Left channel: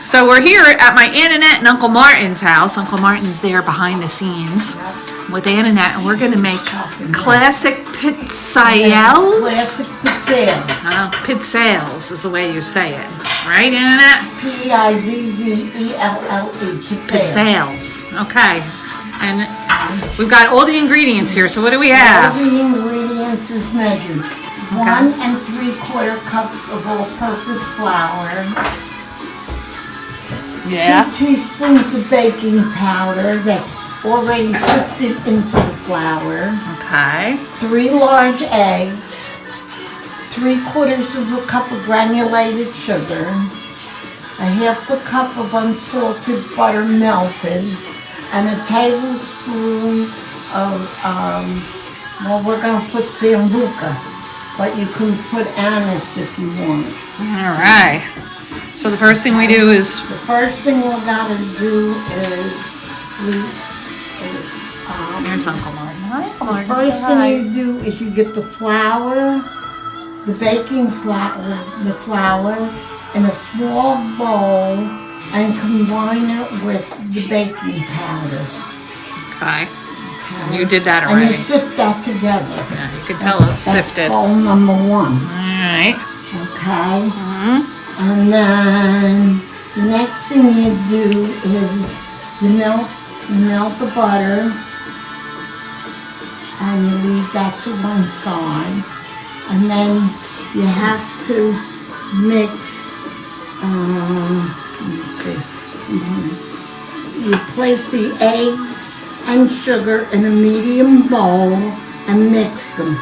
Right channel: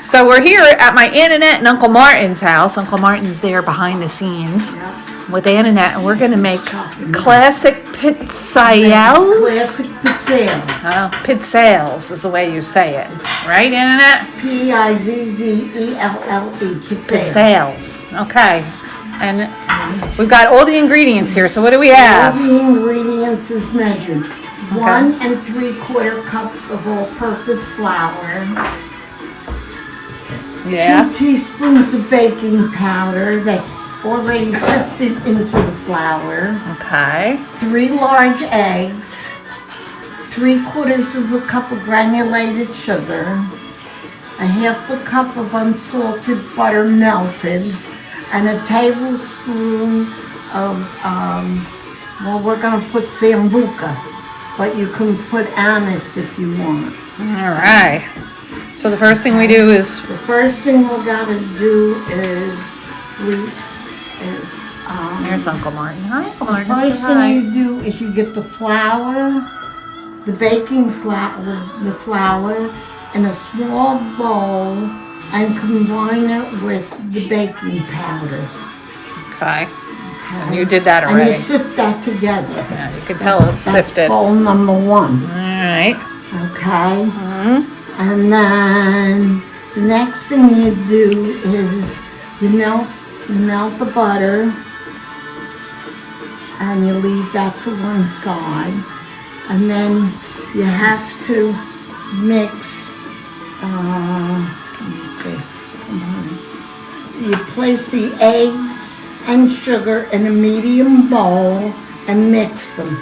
So we're here at my Aunt Annette and Uncle Martin's house. Uncle Martin's there behind the scenes with Aunt Annette, and we're going to make classic pizzelles. Classic pizzelles. Pizzelles is the way you say it. Right, Aunt Annette? Pizzelle. Pizzelles. Okay. And we've got all the ingredients here. So what do we have? All the ingredients is measured. 1 3/4 cups of all-purpose flour. Yeah. 2 teaspoons of baking powder that's already sifted into the flour. Okay. 3 large eggs. 3/4 of a cup of granulated sugar. 1/2 cup of unsalted butter melted. And a tablespoon of, well, we're going to put Sambuca, but you can put anise if you want. All right. So the first thing we do is... The first thing we got to do is, Here's Uncle Martin. Hi, Uncle Martin. the first thing you do is you get the flour, the baking flour, the flour in a small bowl and combine it with the baking powder. Okay. And you did that already. And you sift that together. Yeah, you can tell it's sifted. Bowl number 1. All right. Okay. And then the next thing you do is you melt the butter and you leave that to one side. And then you have to mix, let me see. You place the eggs and sugar in a medium bowl and mix them.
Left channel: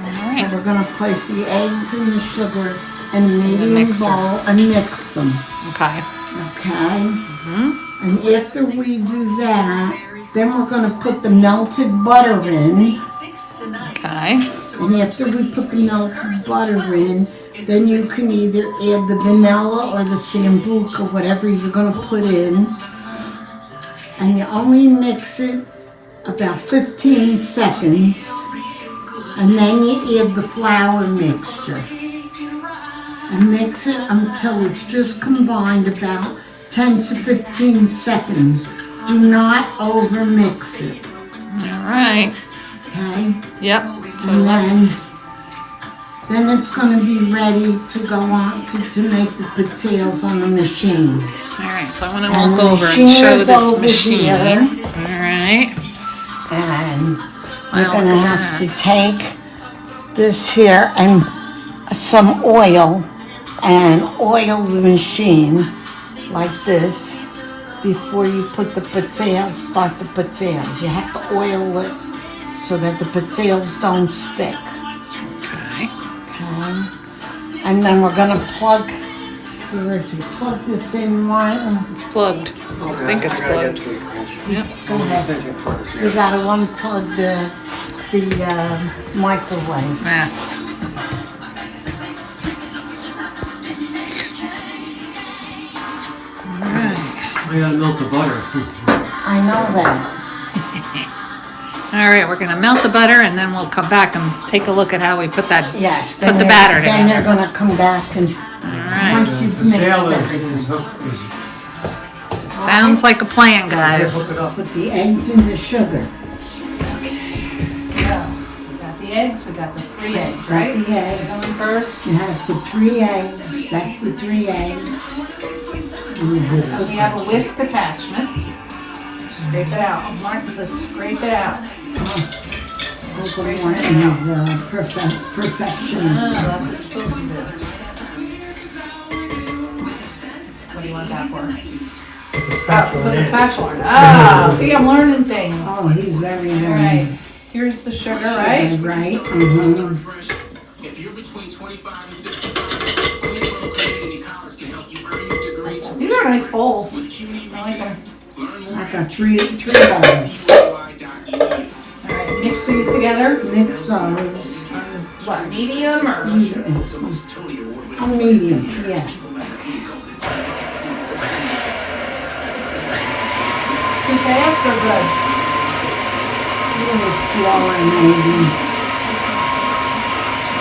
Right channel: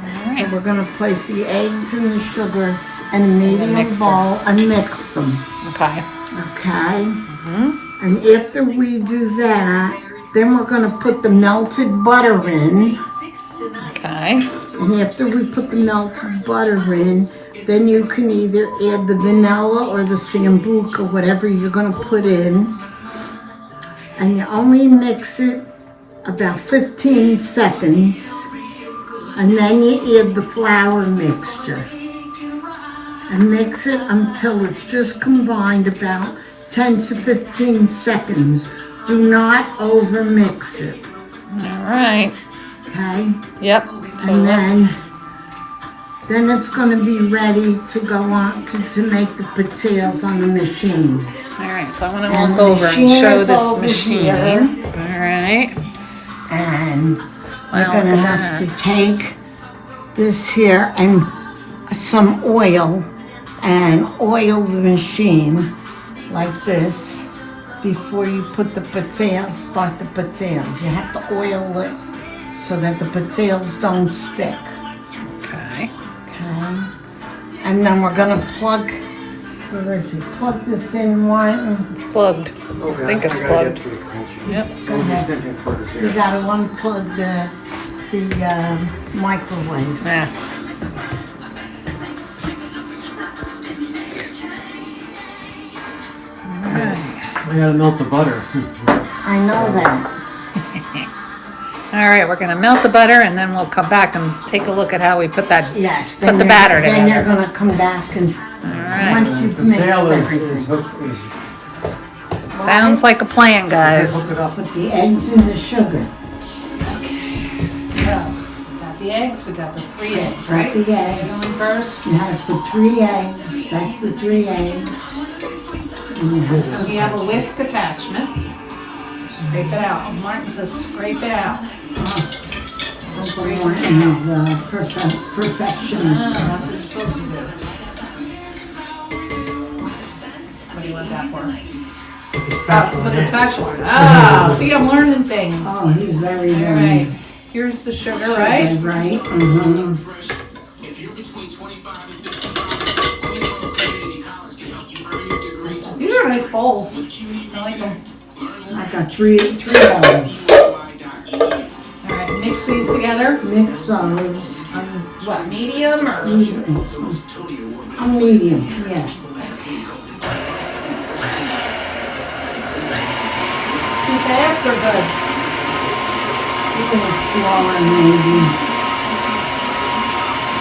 All right. So we're going to place the eggs and the sugar in a medium bowl and mix them. Okay. Okay? And after we do that, then we're going to put the melted butter in. Okay. And after we put the melted butter in, then you can either add the vanilla or the Sambuca, whatever you're going to put in. And you only mix it about 15 seconds. And then you add the flour mixture. And mix it until it's just combined about 10 to 15 seconds. Do not over mix it. All right. Okay? Yep. So And let's... then it's going to be ready to go on to make the pizzelles on the machine. All right. So I want to walk over and show this machine. All right. And Wow, we're going to look at have that. to take this here and some oil and oil the machine like this before you put the pizzelles, start the pizzelles. You have to oil it so that the pizzelles don't stick. Okay. Okay. And then we're going to plug, where is it? Plug this in, Martin. It's plugged. I think it's plugged. Yep. Go ahead. We got to unplug the microwave. Yeah. All right. I gotta melt the butter. I know that. All right. We're gonna melt the butter, and then we'll come back and take a look at how we put that. Yes. Put the batter Then they're together. going to come back and All right. once you've mixed everything. Sounds like a plan, guys. Hook it up. Put the eggs in the sugar. So, we got the eggs, we got the 3 eggs, Got right? the eggs. Going first. You have to put 3 eggs. That's the 3 eggs. And we have a whisk attachment. Scrape it out. Oh, Martin says scrape it out. Uncle Martin is perfectionist. That's what you're supposed to do. What do you want that for? With the Oh, spatula. with a spatula. Ah, see, I'm learning things. Oh, he's very, All very right. Here's the sugar, right? Right. These are nice bowls. I like them. I got three bowls. All right, mix these together. Mix those. On what, medium or? A medium, yeah. Too fast or good? A little slower, maybe.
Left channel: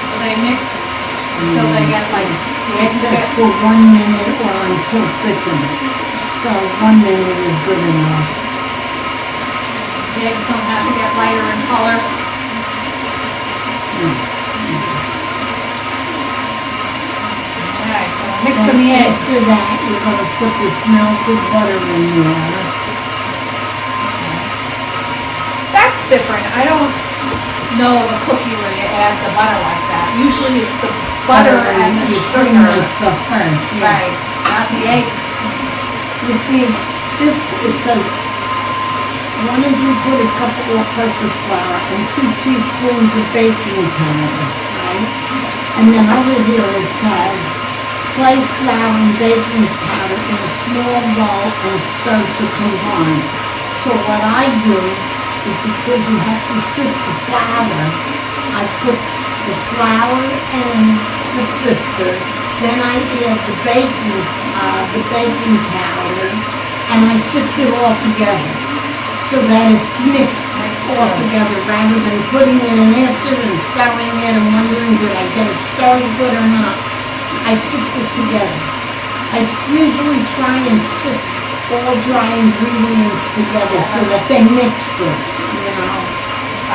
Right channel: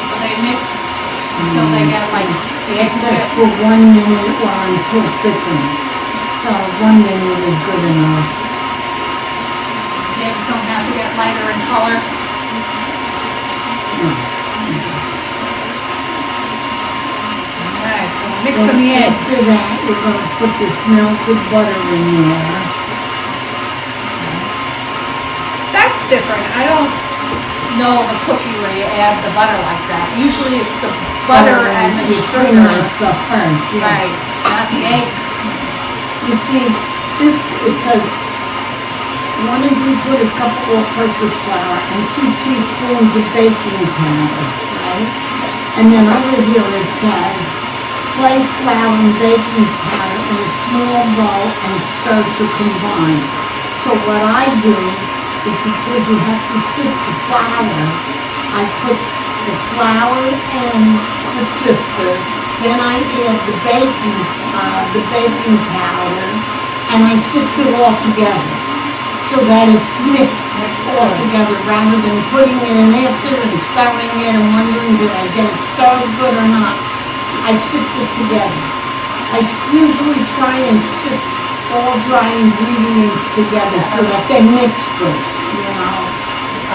So they mix until they get like It says for 1 minute or until thickened. So 1 minute is good enough. The eggs don't have to get lighter in color. Alright, so mix Then some the eggs. after that, you're going to put this melted butter in there. That's different. I don't know of a cookie where you add the butter like that. Usually it's the butter and the You put in sugar. that stuff first, yeah. Right, not the eggs. You see, this, it says 1 and 3/4 cup all-purpose flour and 2 teaspoons of baking powder, right? And then over here it says, place flour and baking powder in a small bowl and stir to combine. So what I do is because you have to sift the flour, I put the flour and the sifter, then I add the baking powder, and I sift it all together so that it's mixed all together rather than putting it in after and stirring it and wondering did I get it started good or not. I sift it together. I usually try and sift all dry ingredients together so that they mix good, you know.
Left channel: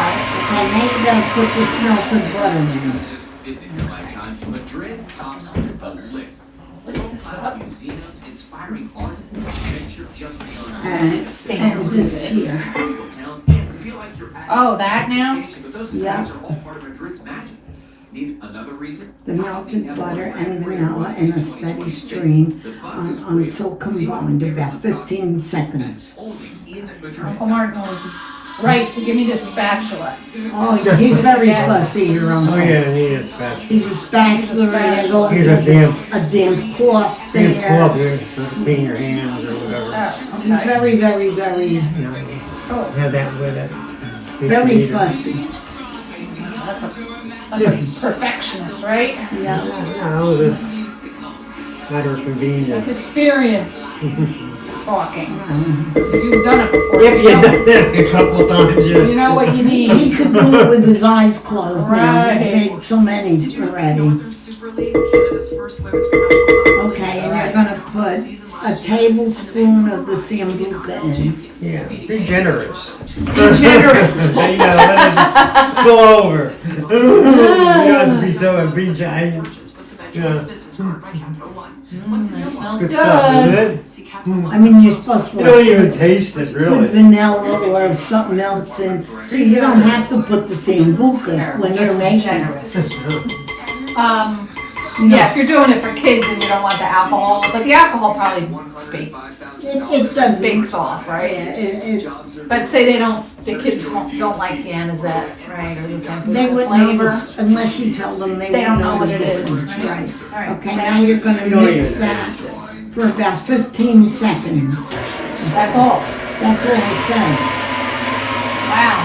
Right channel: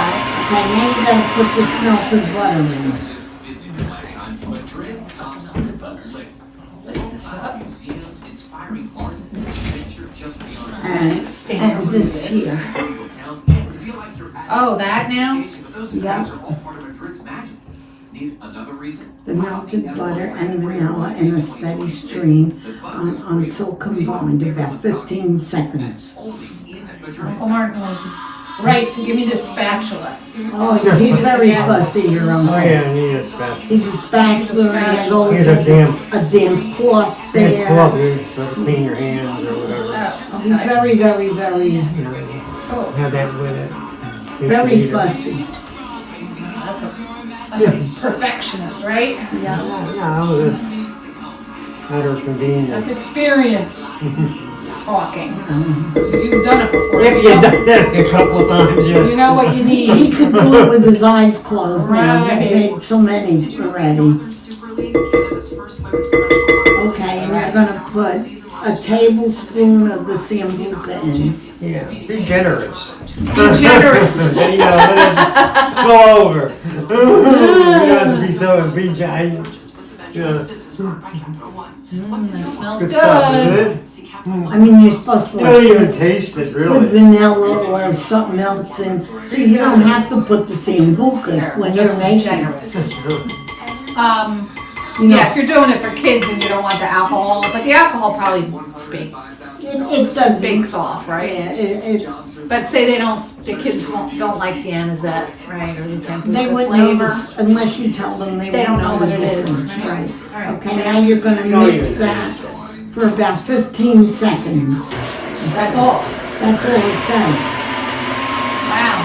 Okay, now you gotta put this melted butter in. Madrid tops the list. World-class museums inspiring art and adventure just beyond Alright, and this here. Oh, that now? But those designs are all part of Madrid's magic. Need another reason? The melted butter and vanilla in a steady stream until combined, about 15 seconds. Only in Madrid. Uncle Martin was right to give me this spatula. Oh, he's very fussy here, Uncle. Oh yeah, he is bad. He's a spatula, and he goes He's a damp cloth cloth there. here, so to clean your hands or whatever. Oh, He's okay. very, very, very, You know, Cool. have that with it. very fussy. That's a perfectionist, right? Yeah. No, this matter of That's convenience. experience talking. So you've done it before. If you done that a couple of times, You yeah. know what you He need. could do it with his eyes closed now. He's Right. made so many already. Okay, and you're gonna put a tablespoon of the Sambuca in. Yeah, be generous. Be generous. You know, spill over. You have to be so, be, you know, Smells good stuff, isn't it? I mean, you're supposed to You don't like even taste it, put really. vanilla or something else in, so you don't have to put the Sambuca when you're Just making it. generous. Yeah, if you're doing it for kids and you don't want the alcohol, but the alcohol probably It doesn't. bakes off, right? Yeah, But say they don't, the kids don't like the anisette, right, or the they Sambuca wouldn't know, flavor. unless you tell them they They wouldn't don't know know what the it is, difference, right? right? All right. Okay, now you're gonna mix that for about 15 seconds. That's all. That's all it says. Wow.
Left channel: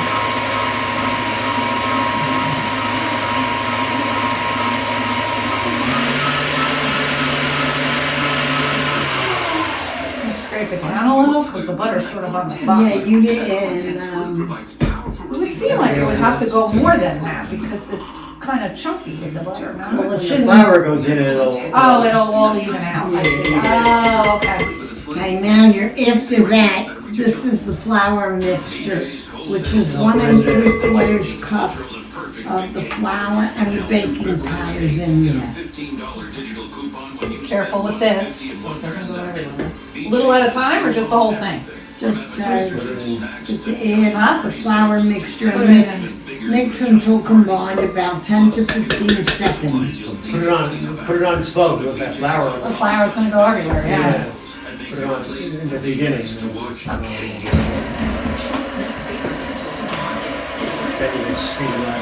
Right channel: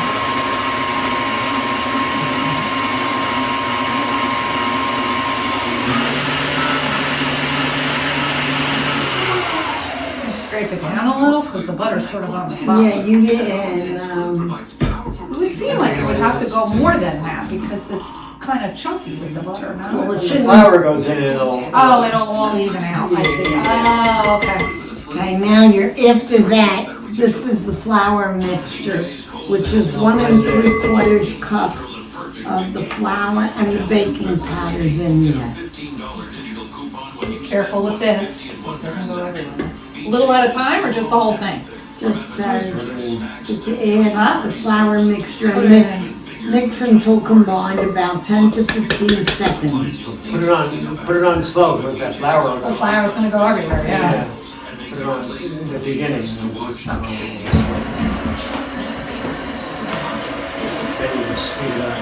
Scrape it down a little because the butter's sort of on the Yeah, side. you did, It would seem like it would have to go more than that because it's kind of chunky with the butter, well, no? it The shouldn't. flour goes in it all. Oh, it'll all even out, I see. Oh, okay. Okay, now after that, this is the flour mixture, which is 1 3/4 cup of the flour and the baking powders in there. Careful with this. It doesn't go everywhere. A little at a time or just the whole thing? Just says that you add Huh? the flour mixture, Put it mix until combined, about 10 to 15 seconds. Put it on slow with that flour. The flour's gonna go everywhere, yeah. Put it on in the beginning. Then you just speed it up.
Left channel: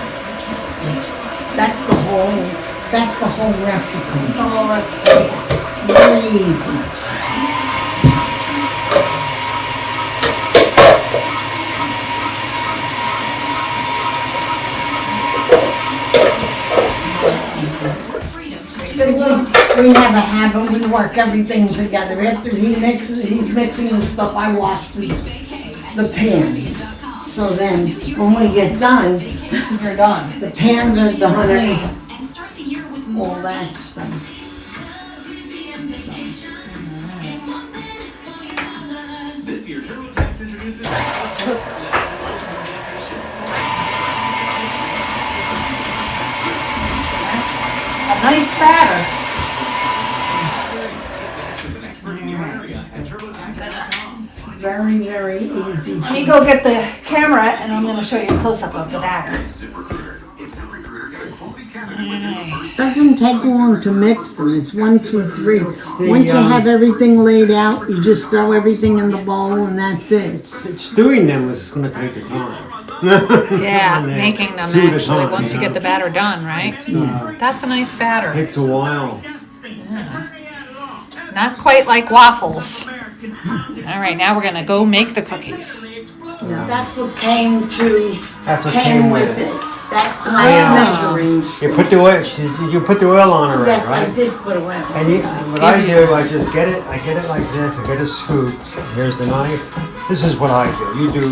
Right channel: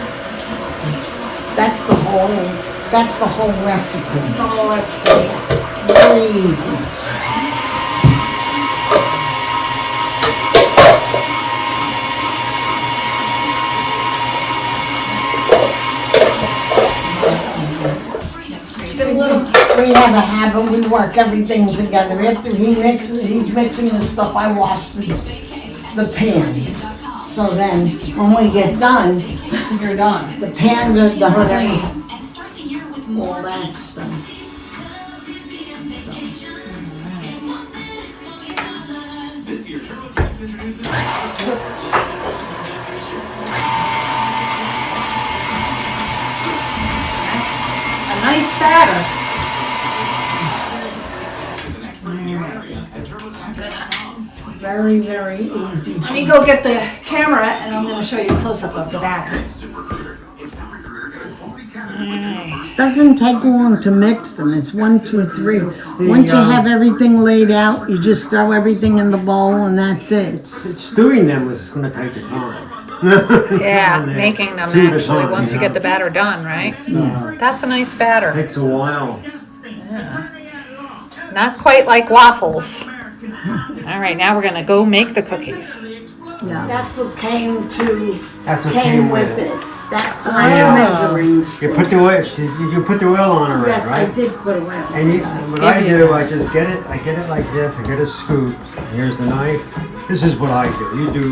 That's the whole recipe. The whole recipe. Very easy. We have a habit, we work everything together. After he's mixing the stuff, I wash the pans. So then, when we get done, You're done. the pans are done, all that stuff. year, TurboTax introduces A nice batter. with an expert in your area at TurboTax.com. Very, very easy. Let me go get the camera and I'm gonna show you a close-up of the batter. Doesn't take long to mix them. It's 1, 2, 3. Once you have everything laid out, you just throw everything in the bowl and that's it. It's doing them was going to take the time. Yeah, And then making them two at a actually, time, once you get the batter done, right? That's a nice batter. Takes a while. Not quite like waffles. All right, now we're gonna go make the cookies. That's what came Came with it. That Oh. measuring You spoon. put the oil. You put the oil on already, Yes, I right? did put away. And what I Give you- do, I just get it. I get it like this. I get a scoop. Here's the knife. This is what I do. You do,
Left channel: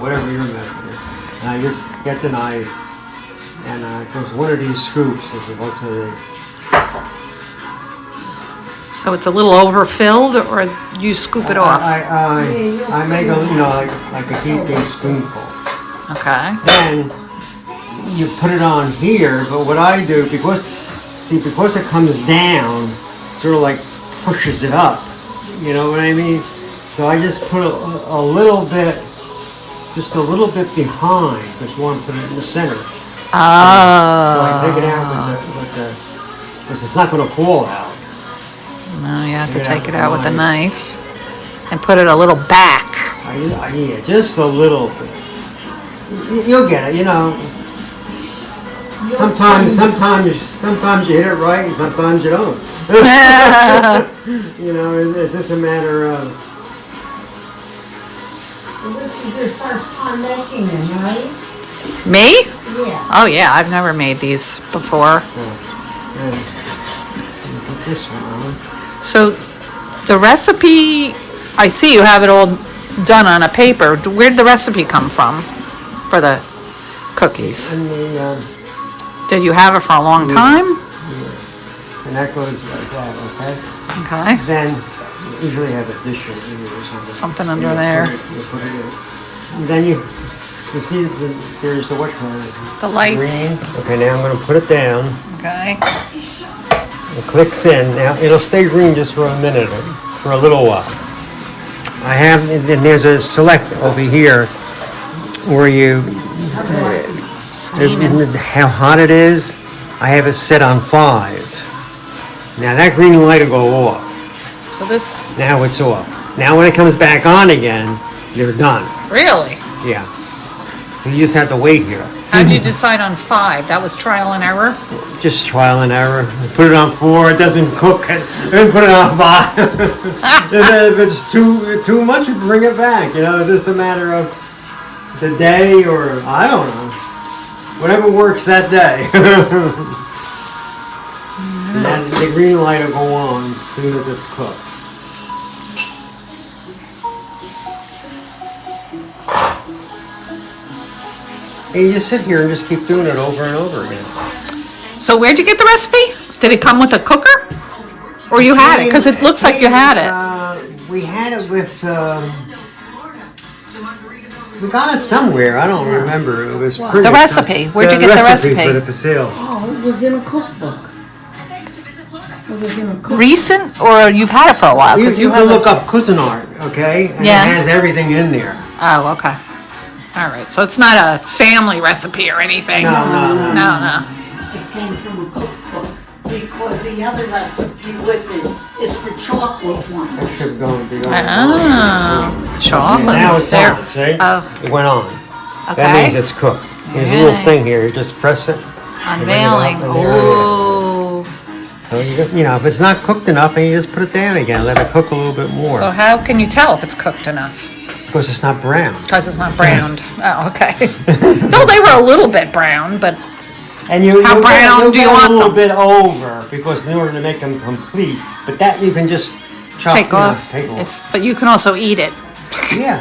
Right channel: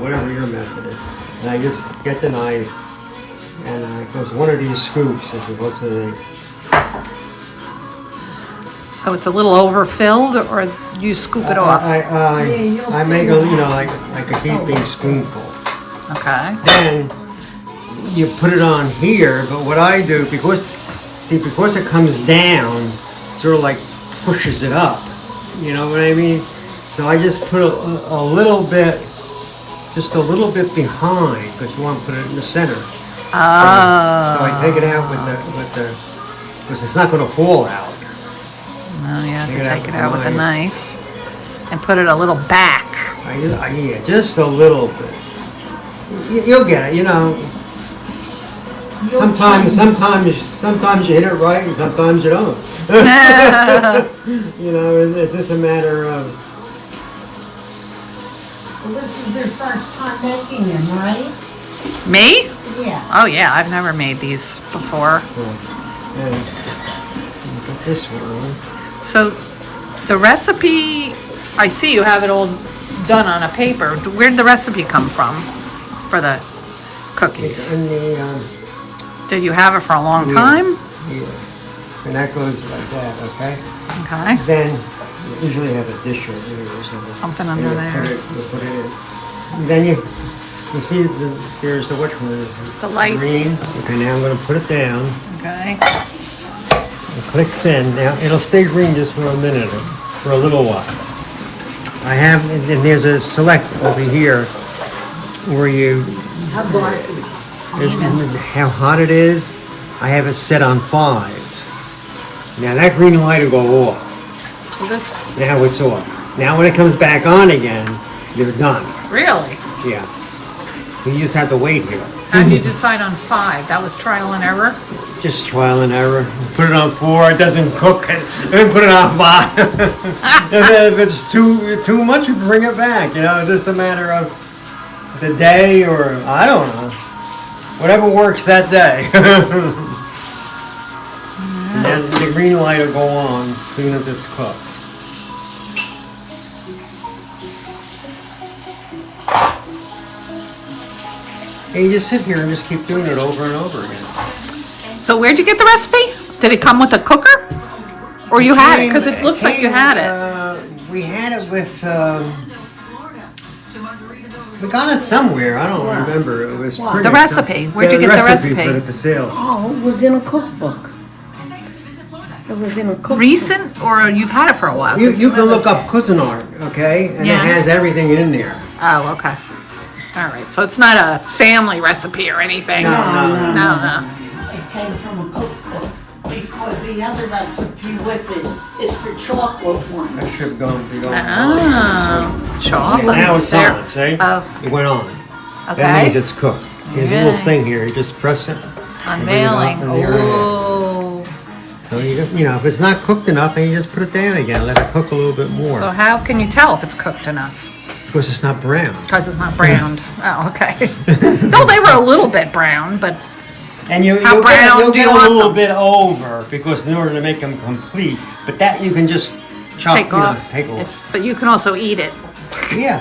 whatever your method is. And I just get the knife, and it goes one of these scoops as opposed to the. So it's a little overfilled, or you scoop it off? I make a like a heaping spoonful. Okay. Then you put it on here, but what I do, because it comes down, sort of like pushes it up. You know what I mean? So I just put a little bit, just a little bit behind, because you want to put it in the center. So I take it out with the, because it's not going to fall out. No, you have to Take it out take it out with a with a knife and put it a little back. Yeah, just a little bit. You'll get it, Sometimes you hit it right, and sometimes you don't. It's just a matter of. Well, this is their first time making them, right? Me? Yeah. Oh yeah, I've never made these before. And put this one on. So the recipe, I see you have it all done on a paper. Where'd the recipe come from for the cookies? And the Did you have it for a long time? yeah, and that goes like that, okay? Okay. Then you usually have a dish over here or something. Something And under there. You put it in. And then you see there's the what color is it? The lights. Green. Okay, now I'm going to put it down. Okay. It clicks in. Now it'll stay green just for a minute, for a little while. And then there's a select over here where you Steaming. how hot it is. I have it set on 5. Now that green light will go off. So this, Now it's off. Now when it comes back on again, you're done. really? Yeah. So you just have to wait here. How did you decide on 5? That was trial and error? Just trial and error. Put it on 4, it doesn't cook, then put it on 5. And then if it's too much, you bring it back. It's just a matter of the day, or I don't know. Whatever works that day. And then the green light will go on as soon as it's cooked. And you just sit here and just keep doing it over and over again. So where'd you get the recipe? Did it come with a cooker? Or you had it? Because it looks like you had it. We had it with. We got it somewhere. I don't remember. It was pretty The recipe. Where'd you get the recipe? For the Pizzelle. Oh, it was in a cookbook. It was in a cookbook. Recent, or you've had it for a while? You 'Cause you can haven't- look up Cuisinart, okay? And Yeah. it has everything in there. Oh, okay. All right. So it's not a family recipe or anything. No. No. It came from a cookbook because the other recipe with it is for chocolate ones. It should go be on. Oh, chocolate. Now it's there. on, see? Oh, It went on. That okay. means it's cooked. There's a little Alright. thing here. You just press it. Unveiling. and bring it up, and there it is. Oh. So if it's not cooked enough, then you just put it down again. Let it cook a little bit more. So how can you tell if it's cooked enough? Because it's not brown. Because it's not browned. Oh, okay. No, they were a little bit brown, but And you'll How get- brown you'll do you get want a little them? bit over, because in order to make them complete, but that you can just chop. take off. Take off. But you can also eat it. Yeah.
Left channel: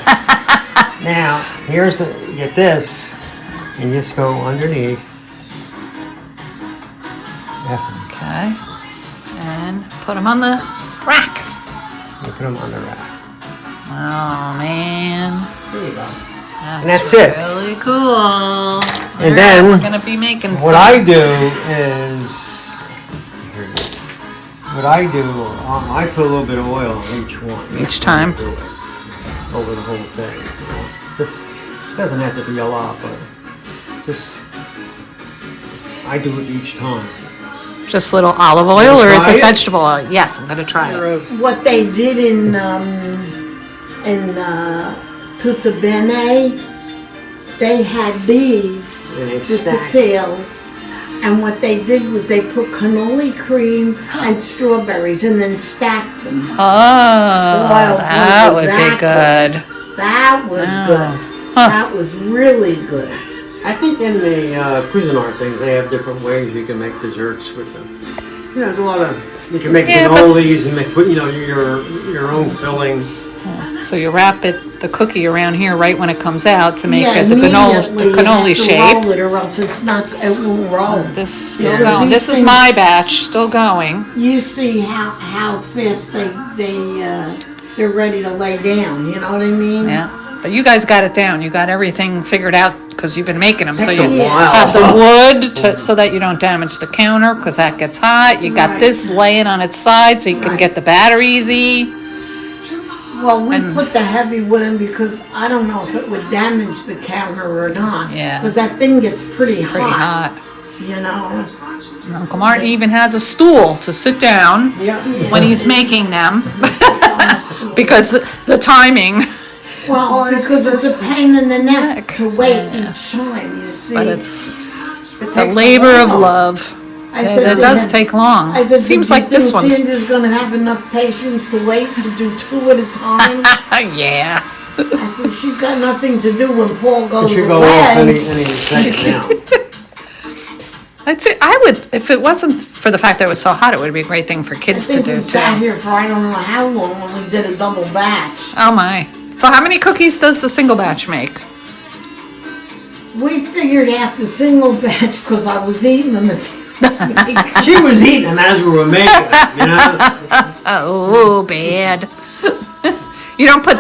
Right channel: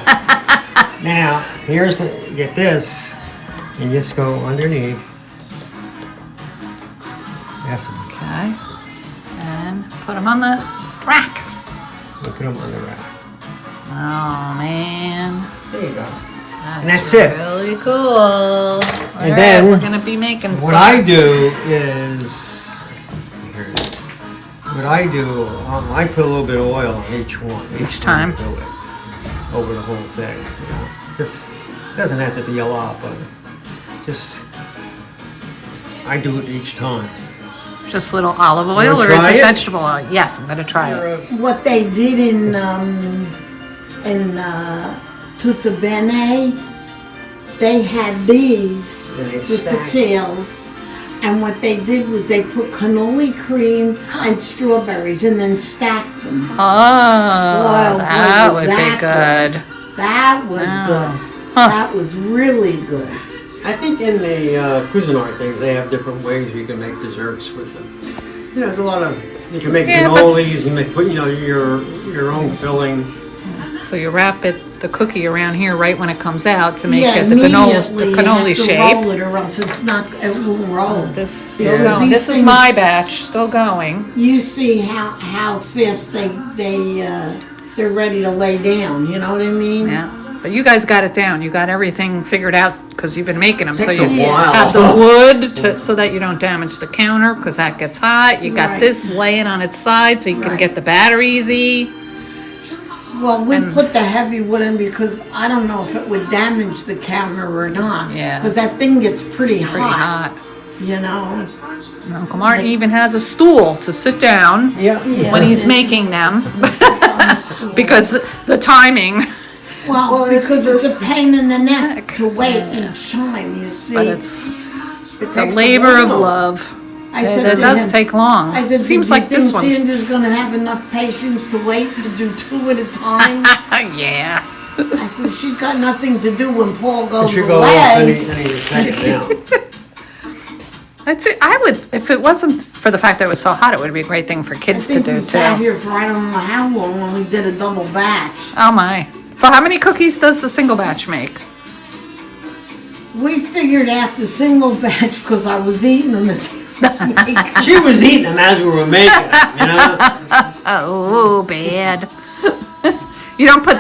Now here's get this, and just go underneath. Yes. Okay. And put them on the rack. You put them under that. Oh man, There you go. that's that's it. really cool. And All then right, we're gonna be making What some. I do is, I put a little bit of oil on each one. Each time. I do it over the whole thing. You know. This doesn't have to be a lot, but just I do it each time. Just little olive oil, wanna or is try it it? vegetable oil? Yes, I'm gonna try it. What they did in Tutta Bene, they had these, And they the stacked. Pizzelles, and what they did was they put cannoli cream and strawberries and then stacked them. Oh, Boy, that was would that be good. That was good. Huh. That was really good. I think in the Cuisinart things, they have different ways you can make desserts with them. You know, there's a lot of, you can make Yeah, but- cannolis and make, you know, your own filling. So you wrap the cookie around here right when it comes out to make Yeah, it the immediately cannoli you have to shape. roll it or else it's not, it won't roll. This still Yeah. going. These This is things- my batch, still going. You see how fast they're ready to lay down. You know what I mean? Yeah, but you guys got it down. You got everything figured out because you've been making them. So Takes you a while. have the wood so that you don't damage the counter because that gets hot. You got Right. this laying on its side so you can Right. get the batter easy. Well, we And- put the heavy wood in because I don't know if it would damage the counter or not. Yeah. Because that thing gets pretty Pretty hot. You know. And Uncle Martin even has a stool to sit down Yeah. when he's making them because the timing. Well, because it's a pain in the neck Neck. to wait Yeah. each time. You see. But it's It a takes labor of while. love. I said It to does him- take long. I said, Seems "Do you like this think one's. Sandra's gonna have enough patience to wait to do two at a time?" Yeah. I said, "She's got nothing to do when Paul It goes should go off any away." second now. I'd say I would, if it wasn't for the fact that it was so hot, it would be a great thing for I kids to think do we sat too. here for I don't know how long when we did a double batch. Oh my. So how many cookies does the single batch make? We figured out the single batch because I was eating them as making. She was eating them as we were making them, you know? Oh, bad. You don't put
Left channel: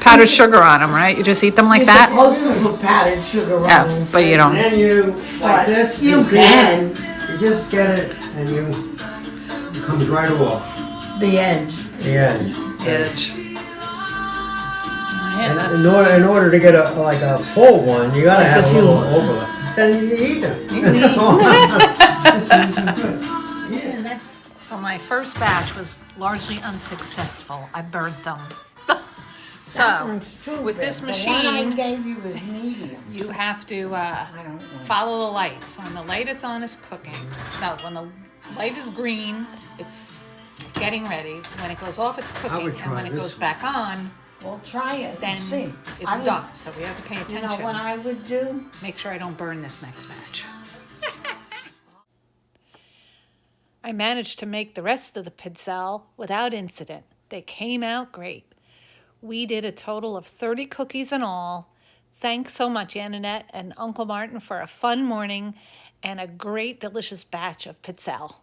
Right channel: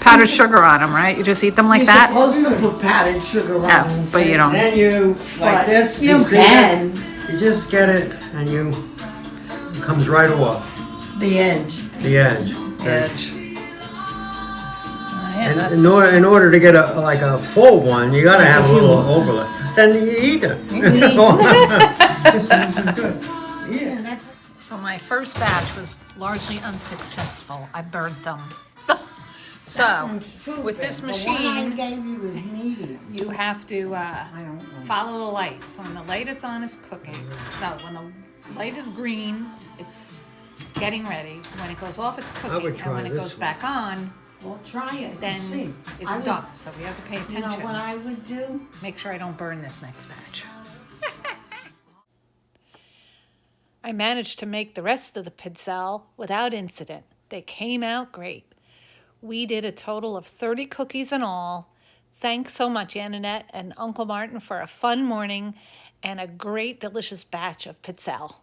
powdered sugar on them, right? You just eat them like You're that? supposed to put powdered sugar on Oh, them. but you don't. And you, like But this, you see can. it? You just get it and it comes right off The edge. the edge. Edge. Yeah, And that's. in order to get a full one, you gotta have a little overlap. Then you eat them. Yeah, that's So my first batch was largely unsuccessful. I burnt them. So, true. with this The one I machine, gave you was medium. you have to follow the light. So when the light is on, it's cooking. No, when the light is green, it's getting ready. When it goes off, it's would cooking. And when try it this goes one. back on, Well, try it. then and see. it's I would- done. So we have to pay You know attention. what I would do? Make sure I don't burn this next batch. I managed to make the rest of the pizzelle without incident. They came out great. We did a total of 30 cookies in all. Thanks so much, Annette and Uncle Martin, for a fun morning and a great, delicious batch of pizzelle.